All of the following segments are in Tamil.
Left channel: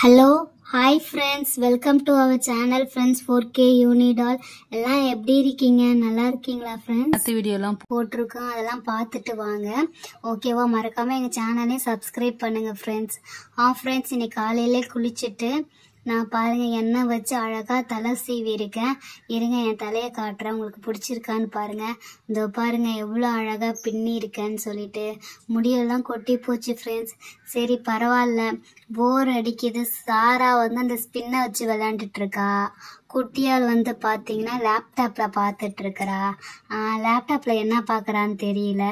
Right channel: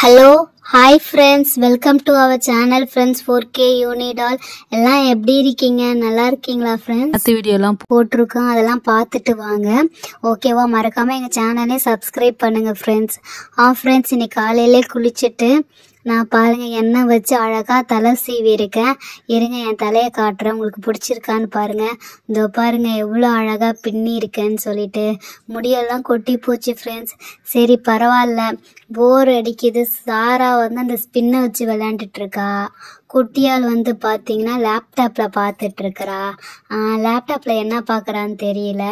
Hello hi friends, welcome to our channel friends 4K யூனிடால். எல்லாம் எப்படி இருக்கீங்க? நல்லா இருக்கீங்களா ஃப்ரெண்ட்ஸ்? வீடியோலாம் போட்டிருக்கோம், அதெல்லாம் பார்த்துட்டு வாங்க. ஓகேவா? மறக்காமல் எங்கள் சேனலே சப்ஸ்கிரைப் பண்ணுங்கள் ஃப்ரெண்ட்ஸ். ஃப்ரெண்ட்ஸ், இன்னைக்கு காலையிலே குளிச்சுட்டு நான் பாருங்கள் எண்ணெய் வச்சு அழகாக தலை சீவி இருக்கேன். இருங்க என் தலையை காட்டுறேன், உங்களுக்கு பிடிச்சிருக்கான்னு பாருங்கள். இதோ பாருங்கள் எவ்வளோ அழகாக பின்னி இருக்கேன்னு சொல்லிட்டு. முடியெல்லாம் கொட்டி போச்சு ஃப்ரெண்ட்ஸ். சரி பரவாயில்ல, போர் அடிக்குது. சாரா வந்து அந்த ஸ்பின்னை வச்சு விளையாண்டுட்ருக்கா. குட்டியால் வந்து பார்த்தீங்கன்னா லேப்டாப்பில் பார்த்துட்ருக்குறா. லேப்டாப்பில் என்ன பார்க்குறான்னு தெரியல.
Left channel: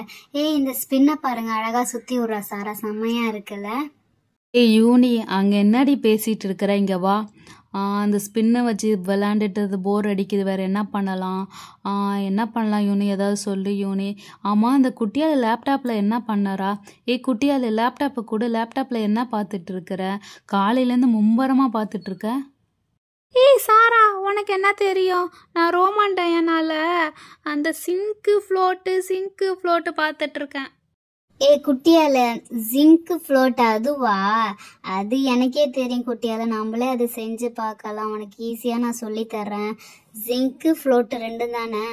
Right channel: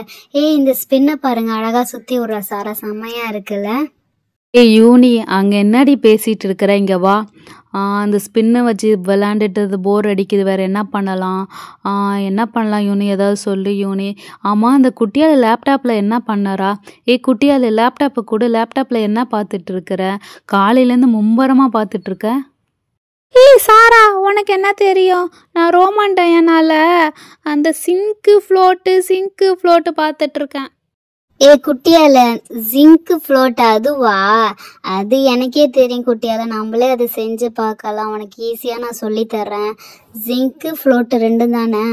இந்த ஸ்பின்னை பாருங்கள், அழகாக சுற்றி விட்றா சாரா. செம்மையாக இருக்குல்ல? யூனி, அங்கே என்னடி பேசிகிட்டு இருக்கிற? இங்கே வா. அந்த ஸ்பின்னை வச்சு விளாண்டுட்டு போர் அடிக்குது, வேறு என்ன பண்ணலாம்? என்ன பண்ணலாம் யூனி, ஏதாவது சொல்லு யூனி. ஆமாம், அந்த குட்டியால் லேப்டாப்பில் என்ன பண்ணறா? குட்டியால் லேப்டாப்பை கூட, லேப்டாப்பில் என்ன பார்த்துட்ருக்குற? காலையிலேருந்து மும்பரமாக பார்த்துட்ருக்க. சாரா, உனக்கு என்ன தெரியும்? நான் ரோமான் டயானால அந்த சிங்க்கு ஃப்ளோட்டு பார்த்துட்ருக்கேன். குட்டியால ஜிங்க் ஃப்ளோட் அதுவா? அது எனக்கே தெரியும் குட்டியால, நம்மளே அதை செஞ்சு பார்க்கலாம். உனக்கு ஈஸியாக நான் சொல்லித்தர்றேன். ஜிங்க் ஃப்ளோட்டு ரெண்டும் தானே?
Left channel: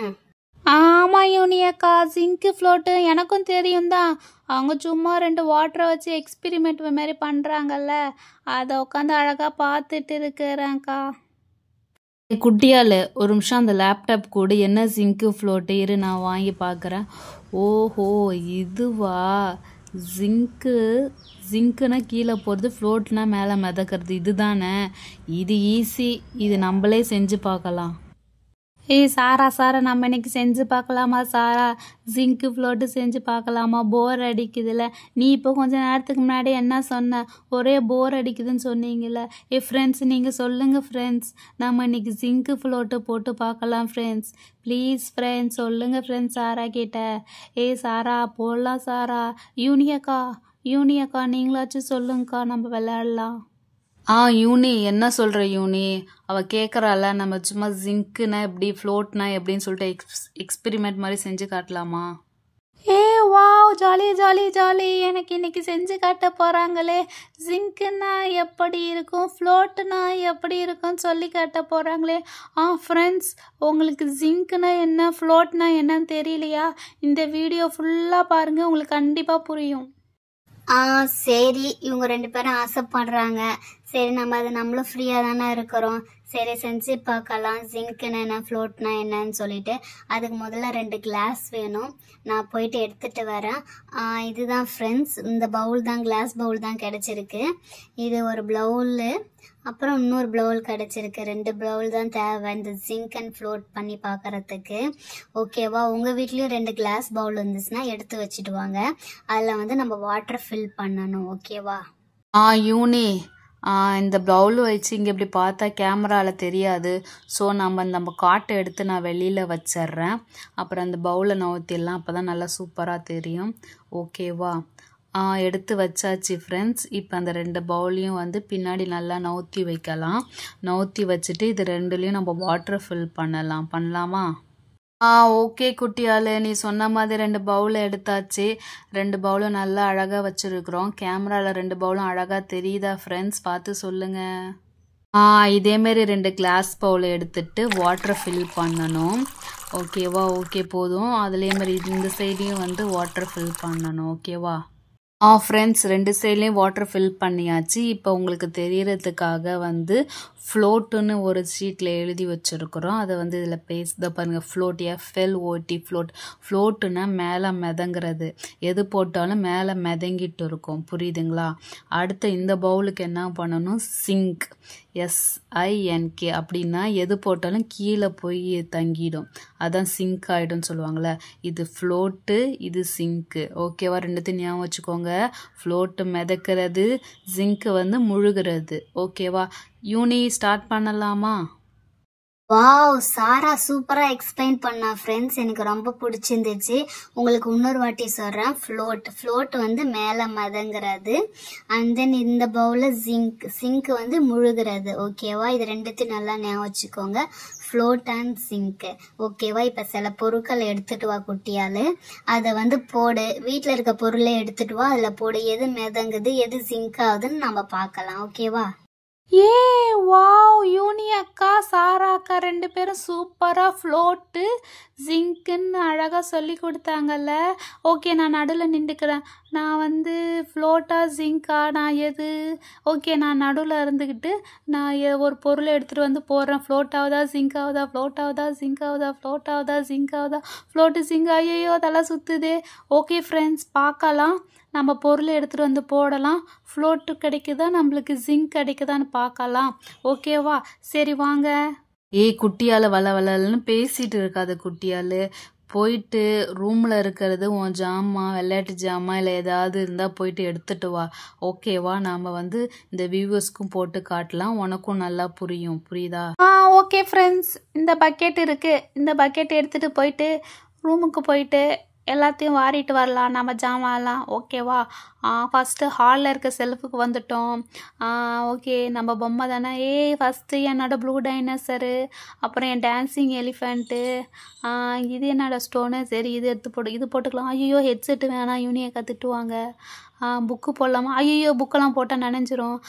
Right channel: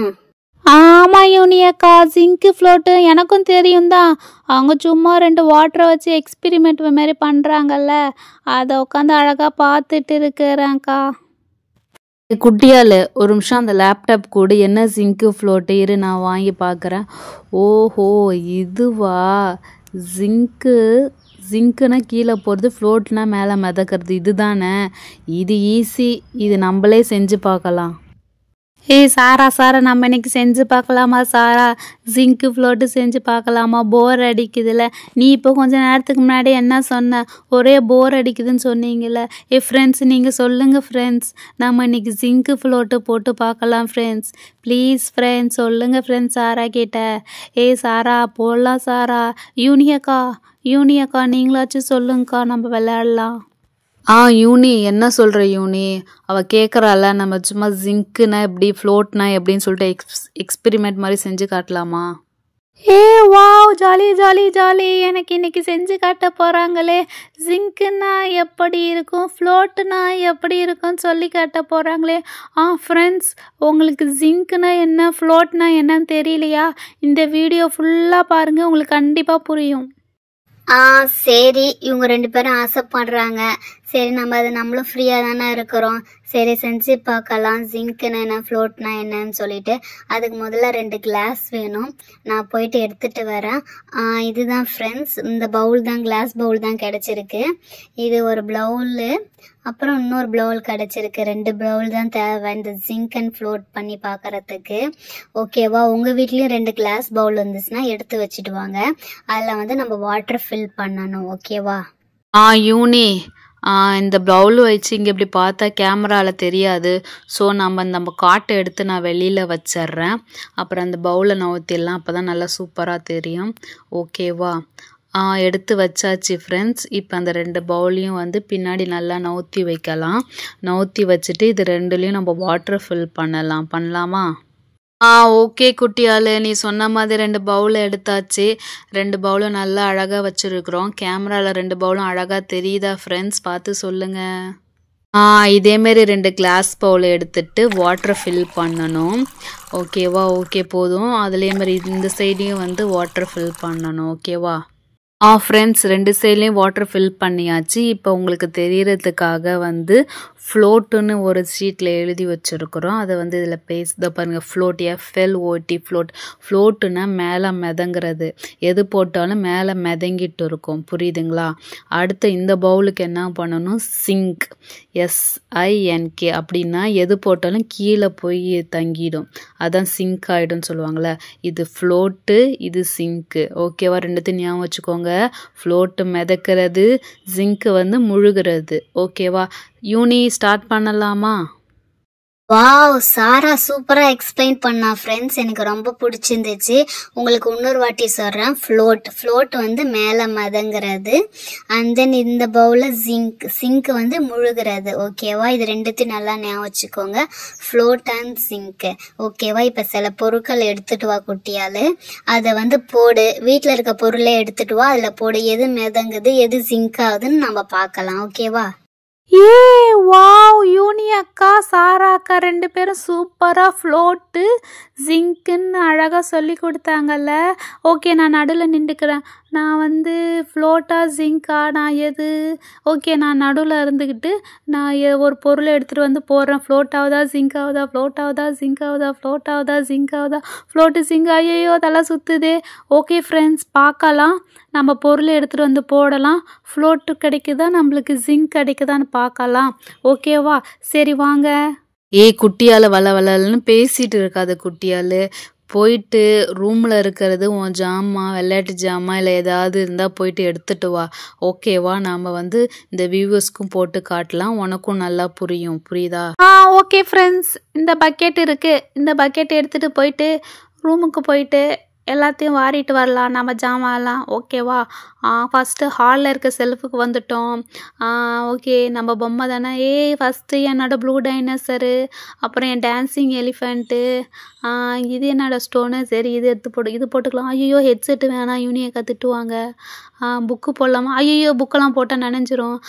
ஆமாம் யூனியக்கா, சிங்க்கு ஃப்ளோட்டு எனக்கும் தெரியும் தான். அவங்க சும்மா 2 வாட்டரை வச்சு எக்ஸ்பிரிமெண்ட் மாதிரி பண்ணுறாங்கல்ல, அதை உட்காந்து அழகாக பார்த்துட்டு இருக்கிறேன்க்கா. குட்டியால் ஒரு நிமிஷம் அந்த லேப்டாப் கூட என்ன ஜிங்க்கு ஃப்ளோட்டு இரு, நான் வாங்கி பார்க்குறேன். ஓஹோ, இதுவா ஜிங்க்குனா கீழே போகிறது, ஃப்ளோட்னா மேலே மிதக்கிறது. இது தானே? இது ஈஸி, இது நம்மளே செஞ்சு பார்க்கலாம். சாரா, நம்ம இன்னைக்கு செஞ்சு பார்க்கலாமா சாரா? ஜிங்க்கு ஃப்ளோட்டு செஞ்சு பார்க்கலாமா? போர் அடிக்குதுல்ல. நீ இப்போ கொஞ்சம் நேரத்துக்கு முன்னாடி என்ன சொன்ன? ஒரே போர் அடிக்குதுன்னு சொன்னீங்கல்ல. ஃப்ரெண்ட்ஸ், நீங்கள் சொல்லுங்கள் ஃப்ரெண்ட்ஸ், நம்ம இன்னைக்கு ஜிங்க்கு ஃப்ளோட்டு போட்டு பார்க்கலாம் ஃப்ரெண்ட்ஸ். ப்ளீஸ் ஃப்ரெண்ட்ஸ், சொல்லுங்கள் ஃப்ரெண்ட்ஸ் சாரா கிட்ட. சாரா போடலாம் சாரா. யூனியக்கா நீங்களாச்சும் சொல்லுங்கக்கா, நம்ம விளையாடலாம். யூனி, என்ன சொல்கிற யூனி? அவள் கேட்குறாள், நம்ம சும்மா ஜிங்க்குனா எப்படி, ஃப்ளோட்னா எப்படின்னு சொல்லிட்டு எக்ஸ்பிரிமெண்ட் மாதிரி செஞ்சு காட்டலாமா? Wow, jolly. எனக்கு இன்னைக்கு செஞ்சு காட்ட போகிறாங்களே. ஜிங்க்குனா எப்படி இருக்கும், ஃப்ளோட்டுனா எப்படி இருக்கும்னு சொல்லி காட்ட போகிறாங்களே. ஃப்ரெண்ட்ஸ், உங்களுக்கு ஜிங்க்குனா என்ன, ஃப்ளோட்னா என்னன்னு தெரியலையா? இந்த வீடியோ ஃபுல்லாக பாருங்கள், உங்களுக்கு கண்டிப்பாக புரியும். சரி, இவங்க 2 பேரும் ஆசைப்படுறாங்க. சரி, நம்மளும் ஃப்ரீயாக தானே இருக்கிறோம். சரி, செஞ்சு பார்க்கலாம். ஜிங்க்னா என்ன, ஃப்ளோட்னா என்னன்னு சொல்லிட்டு. அதுக்கு முதல்ல 2 கிளாஸ் வேணும். நான் போயிட்டு எடுத்துகிட்டு வரேன். இதுதான் ஃப்ரெண்ட்ஸ், இந்த பவுல் தான், கிளாஸ் பவுல் தான் கிடச்சிருக்கு. இது ஒரு பவுலு, அப்புறம் இன்னொரு பவுல் கிடச்சிருக்கு. 2 பவுல் தான் தேவை இந்த ஜிங்க் அண்ட் ஃப்ளோட் பண்ணி பார்க்குறதுக்கு. ஓகேவா? உங்கள் வீட்லேயும் 2 கிளாஸ் பவுல் இருந்துச்சுன்னா எடுத்து வச்சுட்டு வாங்க. அதில் வந்து நம்ம வாட்டர் ஃபில் பண்ணணும். ஓகேவா? யூனி, இந்த பவுல் வச்சு இங்கே இப்படி பார்த்தா கேமராவில் தெரியாது. ஸோ நம்ம காட்டை எடுத்து நான் வெளியில் வச்சிட்றேன். அப்புறம் அந்த பவுலை நவுத்திடலாம், அப்போ தான் நல்லா சூப்பராக தெரியும். ஓகேவா? எடுத்து வச்சாச்சு ஃப்ரெண்ட்ஸ். இப்போ அந்த 2 பவுலையும் வந்து பின்னாடி நல்லா நவுத்தி வைக்கலாம். நவுத்தி வச்சுட்டு இது 2லேயும் நம்ம வாட்டர் ஃபில் பண்ணலாமா? ஓகே குட்டியால், நீ சொன்ன மாதிரி 2 பவுலை எடுத்தாச்சு. 2 பவுலும் நல்லா அழகாக வச்சுருக்குறோம். கேமராவில் 2 பவுலும் அழகாக தெரியுதா ஃப்ரெண்ட்ஸ்? பார்த்து சொல்லுங்கள். இதேமாரி 2 கிளாஸ் பவுலை எடுத்துட்டு வாட்டரை ஃபில் பண்ணணும். ஓகேவா? ஓகே, போதும். அதுலேயே இந்த சைடையும் வந்து வாட்டர் ஃபில் பண்ணணும். ஓகேவா? ஃப்ரெண்ட்ஸ், 2 சைட்லேயும் வாட்டர் ஃபில் பண்ணியாச்சு. இப்போ உங்களுக்கு தெரியறதுக்காக வந்து ஃப்ளோட்டுன்னு ஒரு ஷீட்டில் எழுதி வச்சுருக்குறோம். அதை வந்து இதில் பேசுத பாருங்கள். ஃப்ளோட், FLOT, ஃப்ளோட்டுன்னா மேலே மிதங்கிறது. எது போட்டாலும் மேலே மிதங்கிட்டு இருக்கும். புரியுதுங்களா? அடுத்து இந்த பவுலுக்கு என்ன பண்ணணும்? சிங்க், SINK அப்படின்னா எது போட்டாலும் கீழே போய் தங்கிடும். அதான் சிங்க் ஆகிடும்னு சொல்லுவாங்கள்ல. இது ஃப்ளோட்டு, இது சிங்க்கு. ஓகேவா? 2த்தையும் ஞாபகம் வச்சுக்கோங்க. ஃப்ளோட்டு மிதக்கிறது, ஜிங்க்கு வந்து முழுகிறது. ஓகேவா? யூனி, ஸ்டார்ட் பண்ணலாமா? வாவ், சாரா சூப்பராக எக்ஸ்பிளைன் பண்ணா ஃப்ரெண்ட்ஸ். எனக்கு ரொம்ப பிடிச்சிருந்துச்சு. உங்களுக்கு இன்னொரு வாட்டி சொல்கிறேன். ஃப்ளோட் வந்து மேலே மதங்கிறது. அண்ட் தென் இந்த பவுலில் சிங்க் வந்து முழுகிறது. ஓகேவா? இது 2த்தையும் நல்லா ஞாபகம் வச்சுக்கோங்க. Float and sink. ஓகேவா? இப்போ சில பொருட்கள் எடுத்துகிட்டு வா குட்டியால். அதை வந்து போடு. வீட்டில் இருக்க பொருளை எடுத்துகிட்டு வா, அதில் போடு. எது மிதங்குது, எது சிங்க் ஆகுதுன்னு நம்ம பார்க்கலாம். ஓகேவா? ஏ வாவ், யூனி அக்கா சாரா அக்கா 2 பேரும் சூப்பராக ஃப்ளோட்டு ஜிங்க்குன்னு அழகாக சொல்லி கொடுத்தாங்கல்ல. ஓகே, நான் நடுவில் நின்றுக்கிறேன். நான் வந்து ஃப்ளோட்டா ஜிங்க்கா நான் எது? ஓகே, நான் நடுவில் இருந்துக்கிட்டு நான் ஒரு பொருளை எடுத்துகிட்டு வந்து போடுறேன். ஃப்ளோட் ஆகுதா ஜிங்க் ஆகுதா, ஃப்ளோட் ஆகுதா ஜிங்க் ஆகுதா, ஃப்ளோட் ஆகுதா ஜிங்க் ஆகுதா, ஃப்ளோட்டு ஜிங்க். ஐயோ தலை சுற்றுதே. ஓகே ஃப்ரெண்ட்ஸ், பார்க்கலாம். நம்ம பொருளை எடுத்துகிட்டு வந்து போடலாம். ஃப்ளோட்டு கிடைக்குதா நம்மளுக்கு ஜிங்க் கிடைக்குதான்னு பார்க்கலாம். ஓகேவா? சரி வாங்க. குட்டியால் வளன்னு பேசிகிட்டு இருக்காது. குட்டியால் போயிட்டு ரூமில் இருக்கிறது உன் ஜாமான், விளையாட்டு ஜாமான் இல்லை ஏதாவது இருந்தால் போயிட்டு எடுத்துகிட்டு வா. ஓகேவா? நாம் வந்து இந்த வியூவர்ஸ்க்கும் போட்டு காட்டலாம், உனக்கும் நல்லா புரியுதா? ஓகே ஃப்ரெண்ட்ஸ், இந்த பக்கெட் இருக்குது. இந்த பக்கெட் எடுத்துகிட்டு போயிட்டு ரூமுக்கு போயிட்டு எல்லாத்தையும் வாரிட்டு வரலாம் நம்ம ஜாமான்லாம். ஓகேவா? ஃபஸ்ட்டு ஹாலில் இருக்க செல்ஃபுக்கு வந்துட்டோம். ஓகே, நம்ம பொம்மை தானே. ஃபஸ்ட்டு என்னோட ப்ளூ டைனோசரு, அப்புறம் என் டான்ஸிங் எலிஃபெண்ட்டு, இது என்னோட ஸ்டோனு. சரி, இது இது போட்டுக்கலாம். ஐயோ ஹெட்செட்டு வேணாம், யூனியக்கா திட்டுவாங்க. புக்கு போடலாமா? ஐயோ புக்கெல்லாம் போட்டால் நனைஞ்சிரும்.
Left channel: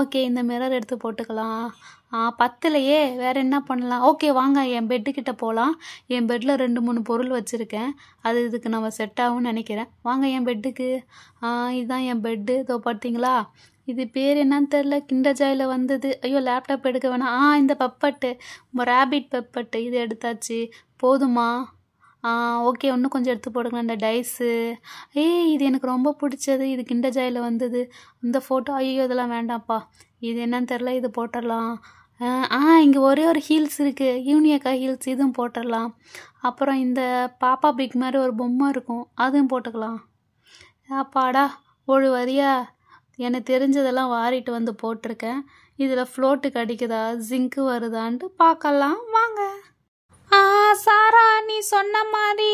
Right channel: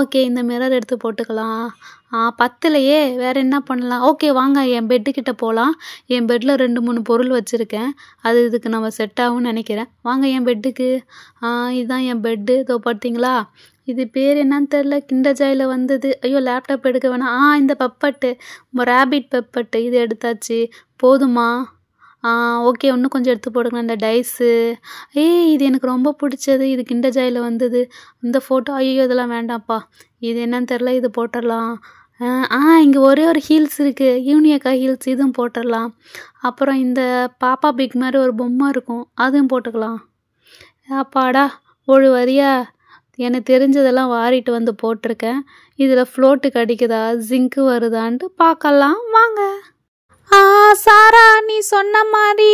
ஓகே, இந்த மிரர் எடுத்து போட்டுக்கலாம். பத்தலையே, வேறு என்ன பண்ணலாம்? ஓகே வாங்க, என் பெட்டுக்கிட்ட போகலாம். என் பெட்டில் 2-3 பொருள் வச்சுருக்கேன். அது இதுக்கு நம்ம செட் ஆகும்னு நினைக்கிறேன். வாங்க என் பெட்டுக்கு. இதுதான் என் பெட்டு. இதோ பார்த்தீங்களா? இது பேர் என்னன்னு தெரில, கிண்டர் ஜாயில் வந்தது. ஐயோ லேப்டாப் எடுக்க வேணாம். இந்த பெப்பட்டு, ரேபிட் பெப்பட்டு, இது எடுத்தாச்சு. போதுமா? ஓகே, இன்னும் கொஞ்சம் எடுத்து போடுங்க. இந்த டைஸு, இது எனக்கு ரொம்ப பிடிச்சது. இது கிண்டர் ஜாயில் வந்தது. இந்த ஃபோட்டோ, ஐயோ இதெல்லாம் வேண்டாம்ப்பா. இது என்னன்னு தெரில, இது போட்டுடலாம். இங்கே ஒரே ஒரு ஹீல்ஸ் இருக்குது, யூனியக்கா ஹீல்ஸ், இதுவும் போட்டுடலாம். அப்புறம் இந்த பாப்பா பிக் மாதிரி ஒரு பொம்மை இருக்கும், அதுவும் போட்டுக்கலாம். அப்பாடா, ஒரு வரியா எனக்கு தெரிஞ்சதெல்லாம் வாரிட்டு வந்து போட்டிருக்கேன். இதில் ஃப்ளோட்டு கிடைக்குதா, ஜிங்க்கு வருதான்ட்டு பார்க்கலாம் வாங்க. சாரா, நீ சொன்ன மாதிரி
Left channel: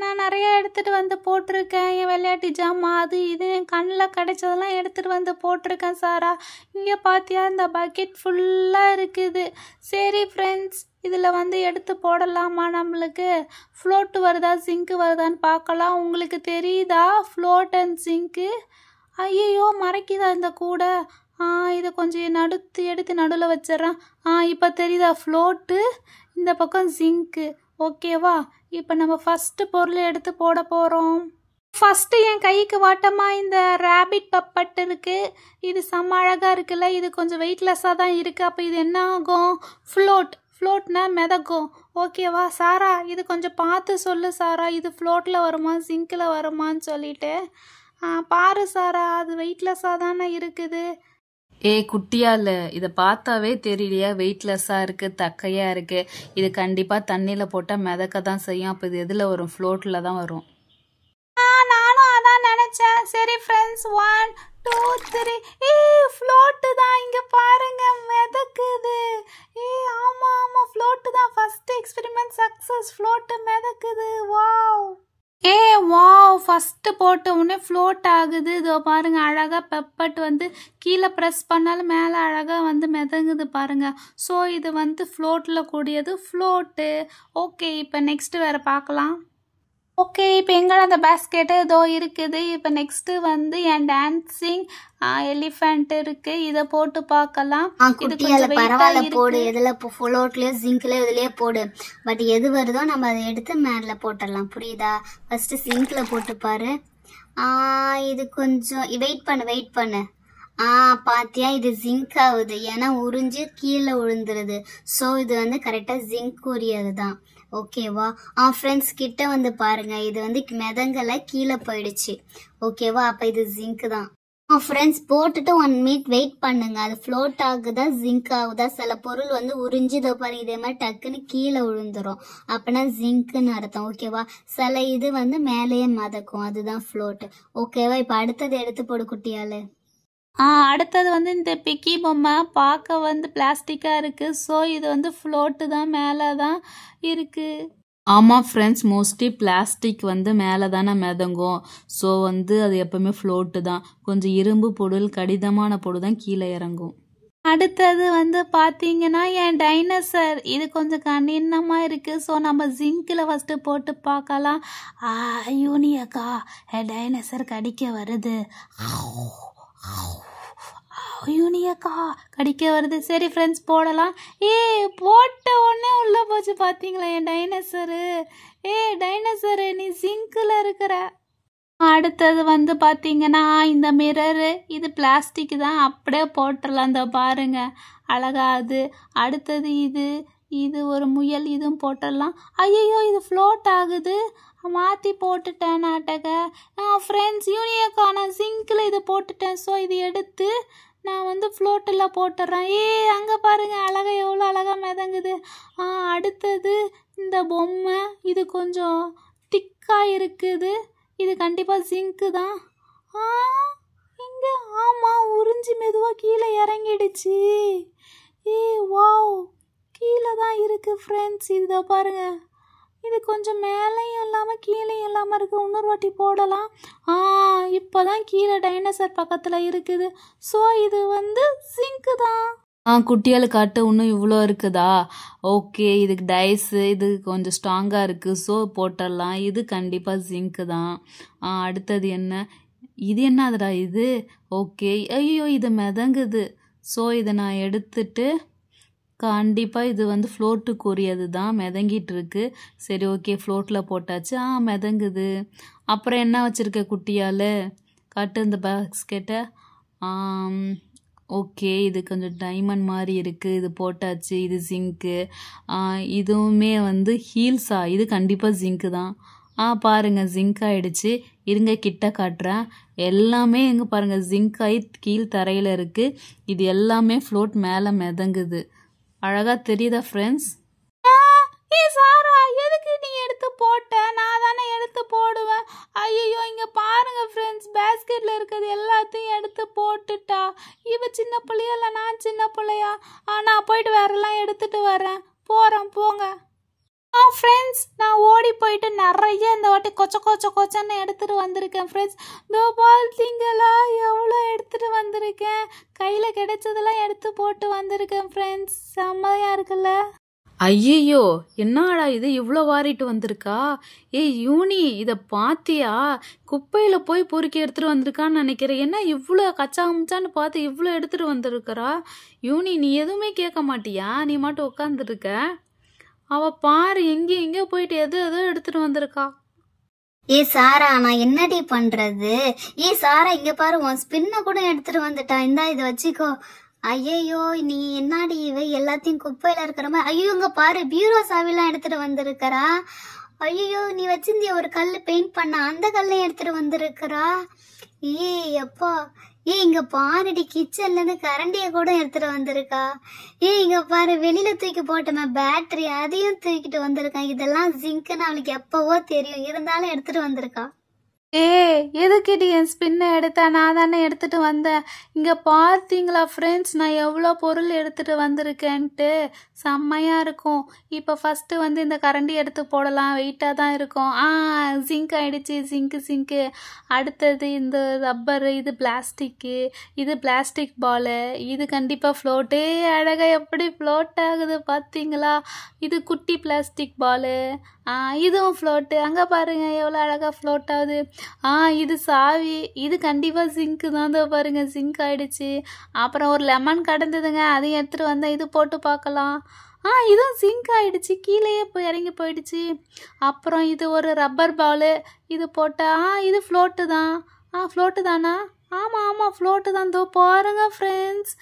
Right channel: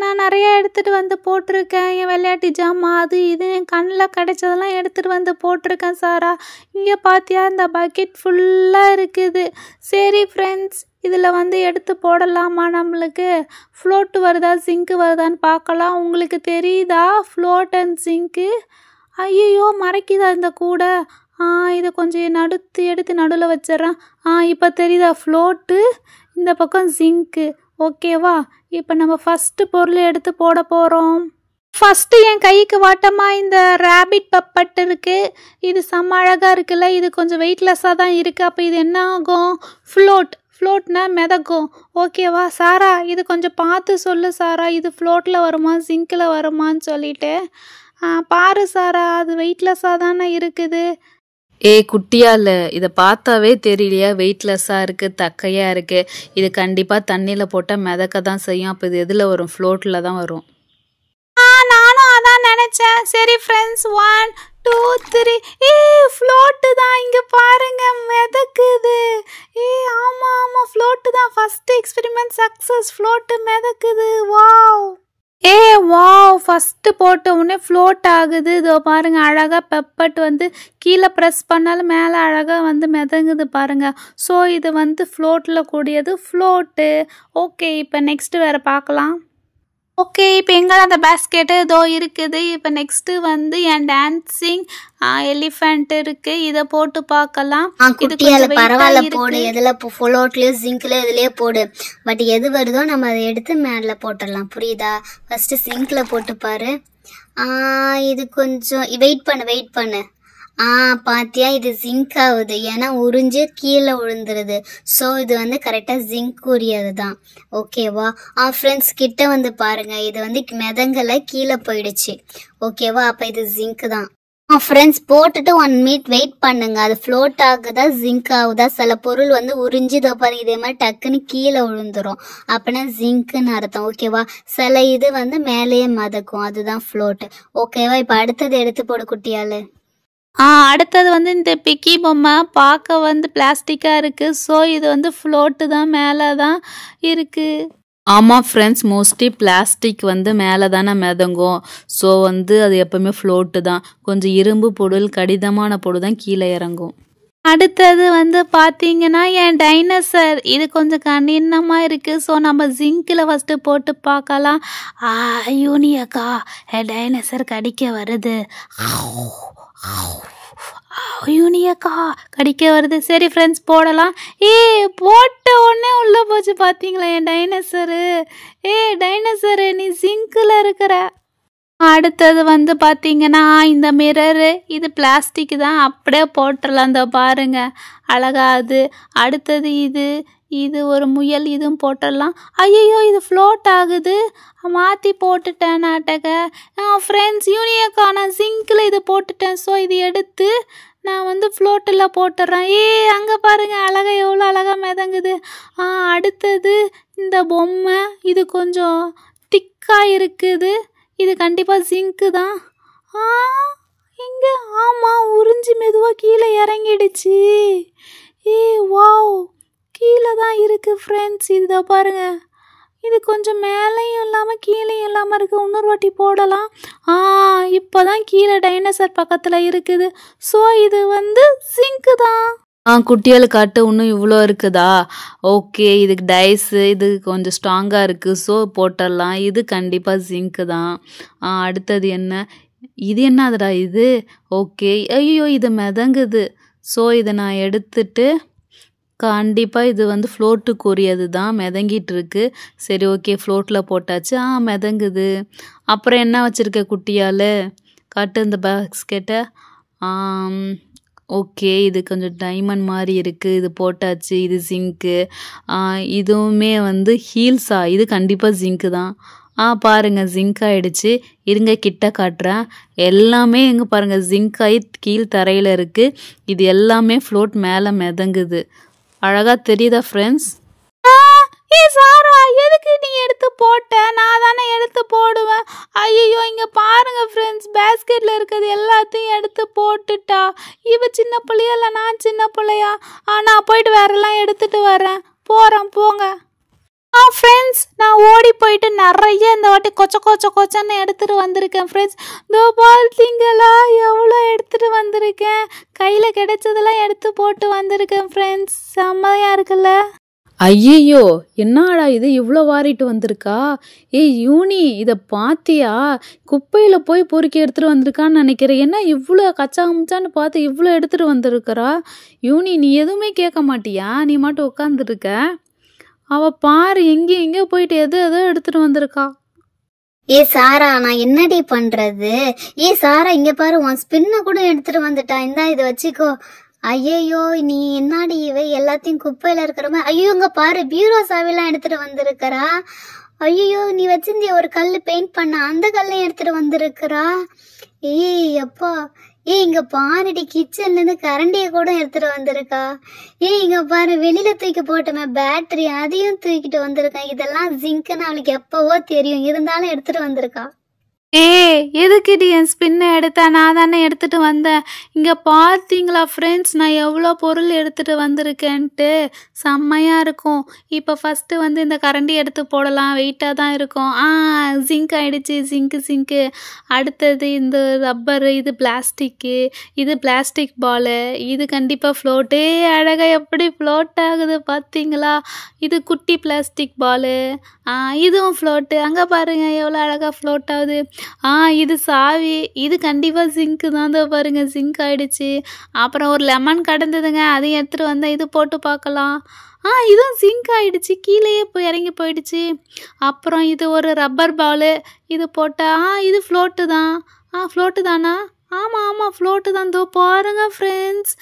நான் நிறைய எடுத்துகிட்டு வந்து போட்டிருக்கேன். என் விளையாட்டு ஜாமான் அது இது என் கண்ணில் கிடைச்சதெல்லாம் எடுத்துகிட்டு வந்து போட்டிருக்கேன் சாரா. இங்கே பார்த்தியா, இந்த பக்கெட் ஃபுல்லாக இருக்குது. சரி ஃப்ரெண்ட்ஸ், இதில் வந்து எடுத்து போடலாமா? நம்மளுக்கு ஃப்ளோட்டு வருதா ஜிங்க்கு வருதான்னு பார்க்கலாம். உங்களுக்கு தெரியுதா ஃப்ளோட் அண்ட் ஜிங்க்கு? ஐயோ மறைக்குதா இந்த கூடை? இதை கொஞ்சம் எடுத்து நடுவில் வச்சிட்றேன். இப்போ தெரியுதா ஃப்ளோட்டு, இந்த பக்கம் ஜிங்க்கு. ஓகேவா? இப்போ நம்ம ஃபஸ்ட்டு பொருளை எடுத்து போட போகிறோம். ஃபஸ்ட்டு என் கைக்கு வாட்டமாக இந்த ரேபிட் பப்பட் இருக்குது. இது செம்ம அழகாக இருக்குல்ல. இது கொஞ்சம் வெயிட்லெஸ்ஸாக தான் இருக்குது. அப்போ இது என்ன ஆகும்? ஃப்ளோட்னா மிதக்கும். ஓகேவா? சாரா, இது கொஞ்சம் பார்த்து சொல்லு சாரா. இது ஃப்ளோட்டில் வருமா ஜிங்கில் வருமான்னு சொல்லிட்டு பாரு சாரா. அது வெயிட்லெஸ்ஸாக தானே இருக்குது. குட்டியால் இதை பார்த்தாவே தெரியலையா, வெயிட்லெஸ்ஸாக இருக்குது, தக்கையாக இருக்குது. இது கண்டிப்பாக தண்ணியில் போட்டால் மிதக்க தான் செய்யும். அப்போ இது எதில் வரும்? ஃப்ளோட்டில் தான் வரும். நானும் அதான் நினச்சேன். சரி ஃப்ரெண்ட்ஸ், 1 2 3. ஃப்ளோட்டு தான். இங்கே பாருங்க, மிதக்குது. ஆமாம் ஃப்ளோட்டு தான். First experiment success. ஃப்ளோட்டு மிதக்குது. வாவ். வாவ், ஃபஸ்ட்டு போட்ட உடனே ஃப்ளோட் ஆகுது. இதோ பாருங்க, அழகாக பெப்பட் வந்து கீழே ப்ரெஸ் பண்ணாலும் மேலே அழகாக வந்து மிதங்குது பாருங்க. ஸோ இது வந்து ஃப்ளோட்டில் கூடியது ஃப்ளோட்டு. ஓகே, இப்போ நெக்ஸ்ட்டு வேறு பார்க்கலாம். ஓகே, இப்போ எங்கே அந்த பேஸ்கெட்டு இதோ இருக்குது. இப்போ நெக்ஸ்ட்டு வந்து என் டான்ஸிங் எலிஃபெண்ட் இருக்குது. இதை போட்டு பார்க்கலாம். குட்டியால பரவாயில்ல, போடு. எதில் ஃப்ளோட்லேயோ ஜிங்க்லேயோ இதுலேயே போடு. பட் எது வருதோ நம்ம அதை எடுத்து மேலே போட்டுடலாம். புரியுதா? ஃபஸ்ட்டு ஜிங்கில் போட்டு பாரு. இது கொஞ்சம் வெயிட் பண்ணு. பாத்தியா, இது ஜிங்க் ஆகுது. ஏன்னா உறிஞ்சு கீழே விழுந்துருது. ஸோ இது வந்து கரெக்டாக ஜிங்க் உரியது தான். ஓகேவா? ஃப்ரெண்ட்ஸ் கிட்ட வந்து பாருங்க, இது வந்து மிதங்கலை, கீழே போயிடுச்சு. ஓகேவா? அப்போ இது ஜிங்க் தான். ஃப்ரெண்ட்ஸ், போட்டுட்டு 1 மினிட் வெயிட் பண்ணுங்க. அது ஃப்ளோட் ஆகுதா ஜிங்க் ஆகுதா? சில பொருள் வந்து உறிஞ்சி இதோ பாருங்க, இதே மாதிரி டக்குன்னு கீழே விழுந்துரும். அப்படின்னா ஜிங்க்குன்னு அர்த்தம். ஓகேவா? சில இது வந்து மேலேயே மதக்கும், அதுதான் ஃப்ளோட்டு. ஓகேவா? இப்போ அடுத்தது எடுத்து போடு குட்டியால். அடுத்தது வந்து இந்த பிக்கி பொம்மை பார்க்க வந்து பிளாஸ்டிக்காக இருக்குது. ஸோ இது வந்து ஃப்ளோட்டு தான், மேலே தான் இருக்குது. ஆமாம் ஃப்ரெண்ட்ஸ், மோஸ்ட்லி பிளாஸ்டிக் வந்து மேலே தானே மிதங்கும். ஸோ வந்து அது எப்போவுமே ஃப்ளோட்டு தான். கொஞ்சம் இரும்பு பொருள், கடினமான பொருள் தான் கீழே இறங்கும். அடுத்தது வந்து பார்த்தீங்கன்னா என் டைனோசர். இது கொஞ்சம் கடினமாக இருக்குது. ஸோ நம்ம ஜிங்கில் ஃபஸ்ட்டு போட்டு பார்க்கலாம். யூனியக்கா, என் டைனோசர் கடிக்க வருது. யூனியக்கா கடிக்க வருது. சரி ஃப்ரெண்ட்ஸ் போடலாம். போட்ட உடனே உள்ளே போச்சு பார்த்தீங்களா என் டைனோசரு. டைனோசரு நீ சிங்கில் இருக்கிற. அடுத்தது வந்து பார்த்தீங்கன்னா இந்த மிரரு, இது பிளாஸ்டிக் தான், அப்படியே போட்டுடலாம். இந்த பாருங்க அழகா அது. அடுத்தது இது ஒரு முயல், இதுவும் போட்டுடலாம். ஐயோ இது ஃப்ளோட் ஆகுது, மாற்றி போட்டுட்டேன் நாட்டக. ஃப்ரெண்ட்ஸ் யூனியக்கா நான் சிங்கில் இது போட்டுட்டேன். ஸோ இது எடுத்து நான் வந்து ஃப்ளோட்டில் போட்டுடுறேன். அங்கே பாருங்கள் அழகா எவ்வளோ அழகாக மிதங்குது. அடுத்தது இந்த பொம்மை, இது கொஞ்சம் திக்காக இருக்குது. இது கண்டிப்பாக ஜிங்க்கு தான். இங்கே ஆமாம் உறிஞ்சி மெதுவாக கீழே இறங்கிடுச்சு. வாவ் கீழே தான் இருக்குது ஃப்ரெண்ட்ஸ். இதை பாருங்கள், இது கொஞ்சம் மேலேயும் இல்லாமல் கீழேயும் இல்லாமல் இருக்குது. இன்னொரு வாட்டி போடலாம். இப்போ தான் கீழே டைனோசர் பக்கத்தில் இருக்குது. ஸோ இது வந்து சிங்க்கு தான். குட்டியால் காட்டு இன்னும் இவ்வளோ இருக்குதா? ஓகே, இதுக்கு டைஸு இது கொஞ்சம் ஸ்ட்ராங்காக இருக்குது. ஸோ போட்டுடலாம். இது கண்டிப்பாக ஜிங்க்கு தான். அடுத்தது என்ன? இது என்னதுடா இது? ஓகே, ஐயோ இது மிதங்குது. ஸோ இதை நான் எடுத்துட்டு கண்டிப்பாக இது வந்து ஃப்ளோட்டுக்குரியது தான், மிதங்கிட்டு இருக்கு. சரி ஓகே ஃப்ளோட்டில் போட்டாச்சு. மிதங்குது. அப்புறம் என்ன வச்சுருக்க குட்டியால் காட்டு இந்த பாஸ்கெட்டை. ஓகே இது கொஞ்சம் டைமண்ட் மாதிரி இருக்குது, இது போட்டாச்சு. இது ஜிங்க்கு. இதுவுமே வந்து ஹீல்ஸா, இது கண்டிப்பாக ஜிங்க்கு தான். பாருங்கள் ஜிங்க் ஆகிடுச்சு. இருங்க கிட்ட காட்டுறேன். எல்லாமே எங்கே பாருங்கள் ஜிங்க் ஆகி கீழ் தரையில் இருக்குது. இது எல்லாமே ஃப்ளோட் மேலே மிதங்குது. அழகாக தெரியுதா ஃப்ரெண்ட்ஸ்? சாரா எதுக்கு நீ எடுத்து போட்ட? நான் தானே எடுத்து போடுவேன். ஐயோ இங்கே பாருங்கள் ஃப்ரெண்ட்ஸ், பேஸ்கெட்டில் இருக்கிறது எல்லாத்தையும் எடுத்து போட்டுட்டா. இவ சின்ன பிள்ளையா இல்லை நான் சின்ன பிள்ளையா? நான் போயிட்டு வேறெல்லாம் எடுத்துகிட்டு வரேன். போங்க. ஃப்ரெண்ட்ஸ் நான் ஓடி போயிட்டு நிறைய இந்த வாட்டி கொச்சன்னு எடுத்துகிட்டு வந்திருக்கேன் ஃப்ரெண்ட்ஸ். இதோ பார்த்தீங்களா எவ்வளோ எடுத்துகிட்டு வந்திருக்கேன். கையில் கிடைச்சதெல்லாம் எடுத்து போட்டு வந்திருக்கேன் ஃப்ரெண்ட்ஸ். செம்மையாக இருக்குல்ல? ஐயோ என்னடா இது இவ்வளோ வாரிட்டு வந்திருக்கா? யூனி இதை பார்த்தியா? குப்பையில் போய் பொறுக்கி எடுத்துகிட்டு வந்திருக்கான்னு நினைக்கிறேன். என்ன இவ்வளோ கச்சா முச்சான்னு பார்த்து இவ்வளோ எடுத்துகிட்டு வந்திருக்கிறா? யூனி நீ எதுவுமே கேட்க மாட்டியா? நீ மட்டும் உட்காந்துருக்க. அவள் பாரு எங்கேயோ போயிட்டு எதோ எடுத்துகிட்டு வந்திருக்கா. சாரா நான் என்னடி பண்றது? சாரா இங்க பாரு, உன் ஸ்பின்ன கூட எடுத்துட்டு வந்துட்டா. இந்தா இதை வச்சுக்கோ. ஐயோ நீ என்னடி இவை எல்லாத்தையும் குப்பையில இருக்கிற மாதிரி. ஐயோ இங்க பாரு பீரோ சாவிலாம் எடுத்துட்டு வந்திருக்கிறா. ஐயோ நீ வச்சிருந்திய ஒரு கல் பெயிண்ட் பண்ண, அந்த கல்லையும் எடுத்துட்டு வந்திருக்கிறா. எப்பா இங்க பாருடி, கிச்சன்ல இருந்து கரண்டிய கூட எடுத்துட்டு வந்திருக்கா. இங்க பாரு வெளியில தூக்கி போட்டோமே பேட்டரி, அதையும் தூக்கிட்டு வந்திருக்கேன். இதெல்லாம் ஜிங்க்னு அவளுக்கு எப்பவோ தெரியும், இருந்தாலும் எடுத்துட்டு வந்திருக்கா. எதுக்கிட்டு என் ஸ்பின்னை எடுத்தா? நான் தானே எடுத்துகிட்டு வந்தேன். இங்கே பார்த்தீங்களா ஃப்ரெண்ட்ஸ் நான் எவ்வளோ பொருள் எடுத்துகிட்டு வந்திருக்கேன்ட்டு. செம்மையாக இருக்கும். இப்போ ஃபஸ்ட்டு வந்து இந்த கரண்டி எடுத்து போடலாம், வெயிட்டாக தான் இருக்கும். ஜிங்க் ஆகிடுச்சு, ஜிங்க்கு. அடுத்தது இந்த ரப்பரு, இது பிளாஸ்டிக்கு, இது பிளாஸ்டிக் பாலு, இது கண்டிப்பாக ஃப்ளோட்டு. அழகாக எப்படி ஃப்ளோட் ஆகுது பார்த்தீங்களா? இது குட்டி பிளாஸ்டிக் பாலு. இதுவும் ஃப்ளோட்டு. அங்கே பாருங்கள் எவ்வளோ அழகாக ஃப்ளோட் ஆகுது. இது சாவி, இது கண்டிப்பாக ஜிங்க்கு தான். தான் பாருங்கள் ஜிங்க் ஆகிடுச்சு. அப்புறம் ஒரு லெமன் கடந்ததுங்க, அதையும் எடுத்துகிட்டு வந்தால் இது போட்டு பார்க்கலாம். இதுவும் ஜிங்க் ஆகிடுச்சு, கீழேயே போய் இறங்கி போயிடுச்சு. அப்புறம் இது ஒரு ரப்பர் பாலு, இது போட்டால் இது ஃப்ளோட்டு தான். ஃப்ளோட்டு தானா? ஆமாம் ஃப்ளோட்டு தான். தோ பாருங்கள் ஃப்ரெண்ட்ஸ்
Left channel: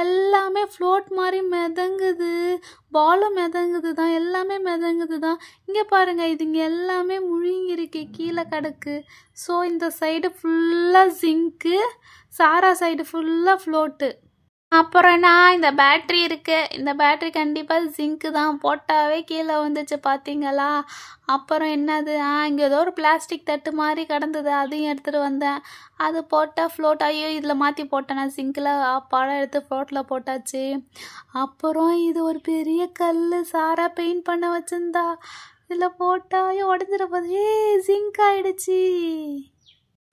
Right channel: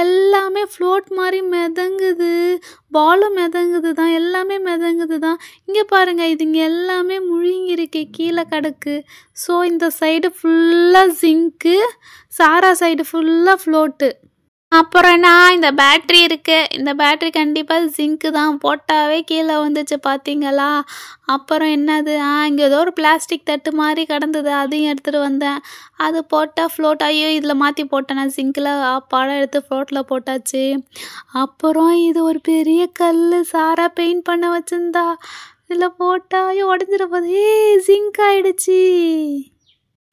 எல்லாமே ஃப்ளோட் மாதிரி மிதங்குது. பாலும் மிதங்குது தான், எல்லாமே மிதங்குது தான். இங்கே பாருங்கள் இது இங்கே எல்லாமே முழுங்கிருக்கு, கீழே கிடக்கு. ஸோ இந்த சைடு ஃபுல்லாக ஜிங்க்கு, சாரா சைடு ஃபுல்லாக ஃப்ளோட்டு. அப்புறம் இந்த பேட்ரி இருக்குது, இந்த பேட்ரி கண்டிப்பாக ஜிங்க்கு தான், போட்டாவே கீழே வந்துச்சு பார்த்தீங்களா? அப்புறம் என்னது, இங்கே ஏதோ ஒரு பிளாஸ்டிக் தட்டு மாதிரி கிடந்தது, அதையும் எடுத்துகிட்டு வந்தேன். அது போட்டால் ஃப்ளோட். ஐயோ இதில் மாற்றி போட்டேன் நான் ஜிங்கில். படம் எடுத்து ஃப்ளோட்டில் போட்டாச்சு. அப்புறம் இது ஒரு பெரிய கல், சாரா பெயிண்ட் பண்ண வச்சுருந்தா, இதில் போட்டால் உடஞ்சிட போகுது. ஜிங்க் ஆகிடுச்சு.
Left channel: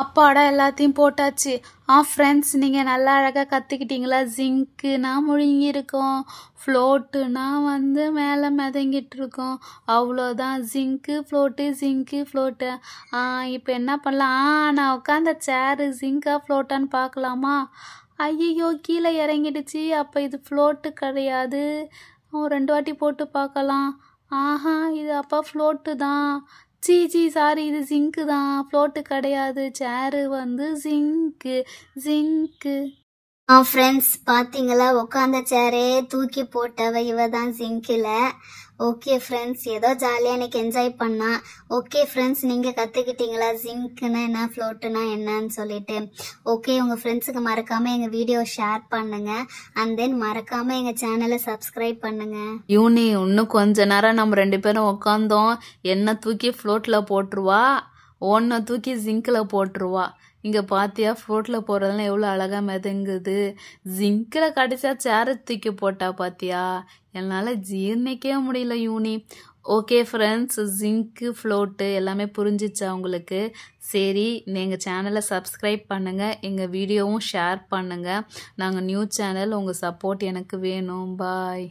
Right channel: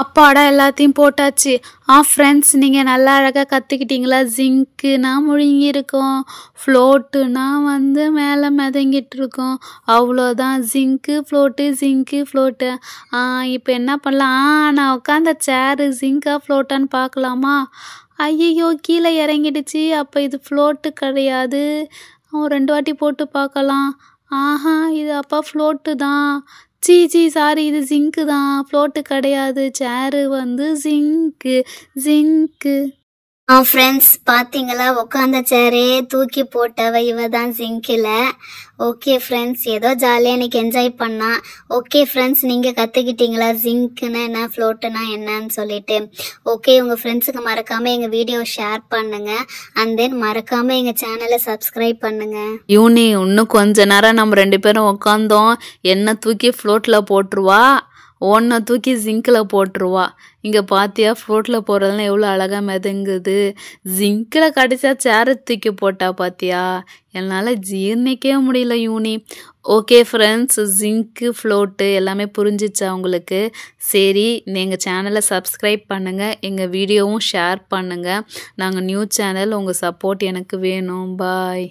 அப்பாடா எல்லாத்தையும் போட்டாச்சு. ஃப்ரெண்ட்ஸ் நீங்கள் நல்லா அழகாக கற்றுக்கிட்டீங்களா? ஜிங்க்குனா முழுங்கியிருக்கோம், ஃப்ளோட்டுனா வந்து மேலே மிதங்கிட்டு இருக்கோம், அவ்வளோதான். Zinc float. இப்போ என்ன பண்ணலாம்? நான் உட்காந்த சேரு ஜிங்க்கா ஃப்ளோட்டான்னு பார்க்கலாமா? ஐயையோ கீழே இறங்கிடுச்சு. அப்போ இது ஃப்ளோட்டு கிடையாது. 2 வாட்டி போட்டு பார்க்கலாம். ஆஹா இது அப்போ ஃப்ளோட்டு தான். சாரி இது ஜிங்க்கு தான், ஃப்ளோட்டு கிடையாது. சேரு வந்து ஜிங்க்கு. ஃப்ரெண்ட்ஸ் பார்த்தீங்களா, உட்காந்த சேரே தூக்கி போட்டவ இவ தான் ஜிங்கில். ஓகே ஃப்ரெண்ட்ஸ், ஏதோ ஜாலியாக இன்னைக்கு என்ஜாய் பண்ணா. ஓகே ஃப்ரெண்ட்ஸ், நீங்கள் கற்றுக்கிட்டீங்களா ஜிங்க்குன்னா என்ன, ஃப்ளோட்டுனா என்னன்னு சொல்லிட்டு? ஓகே, உங்கள் ஃப்ரெண்ட்ஸுக்கு மறக்காமல் எங்கள் வீடியோ ஷேர் பண்ணுங்கள். அண்ட் தென் மறக்காமல் எங்கள் சேனலை சப்ஸ்கிரைப் பண்ணுங்கள். யூனி இன்னும் கொஞ்ச நேரம் நம்ம 2 பேரும் உட்காந்தோம். என்ன தூக்கி ஃப்ளோட்டில் போட்டுருவா, ஒன்றை தூக்கி ஜிங்கில் போட்டுருவா. இங்கே பார்த்தியா ஃப்ளோட்டில் போகிறதுலாம் எவ்வளோ அழகாக மிதங்குது. ஜிங்கில் கடைசியாக சேரை தூக்கி போட்டா பார்த்தியா, என்னால் ஜீர்ணிக்கவே முடியல யூனி. ஓகே ஃப்ரெண்ட்ஸ், ஜிங்க்கு ஃப்ளோட்டு எல்லாமே புரிஞ்சிச்சா உங்களுக்கு? சரி, எங்கள் சேனலை சப்ஸ்கிரைப் பண்ணுங்கள், எங்கள் வீடியோவும் ஷேர் பண்ணுங்கள். நாங்கள் நியூ சேனல், உங்கள் சப்போர்ட் எனக்கு வேணும். பாய்.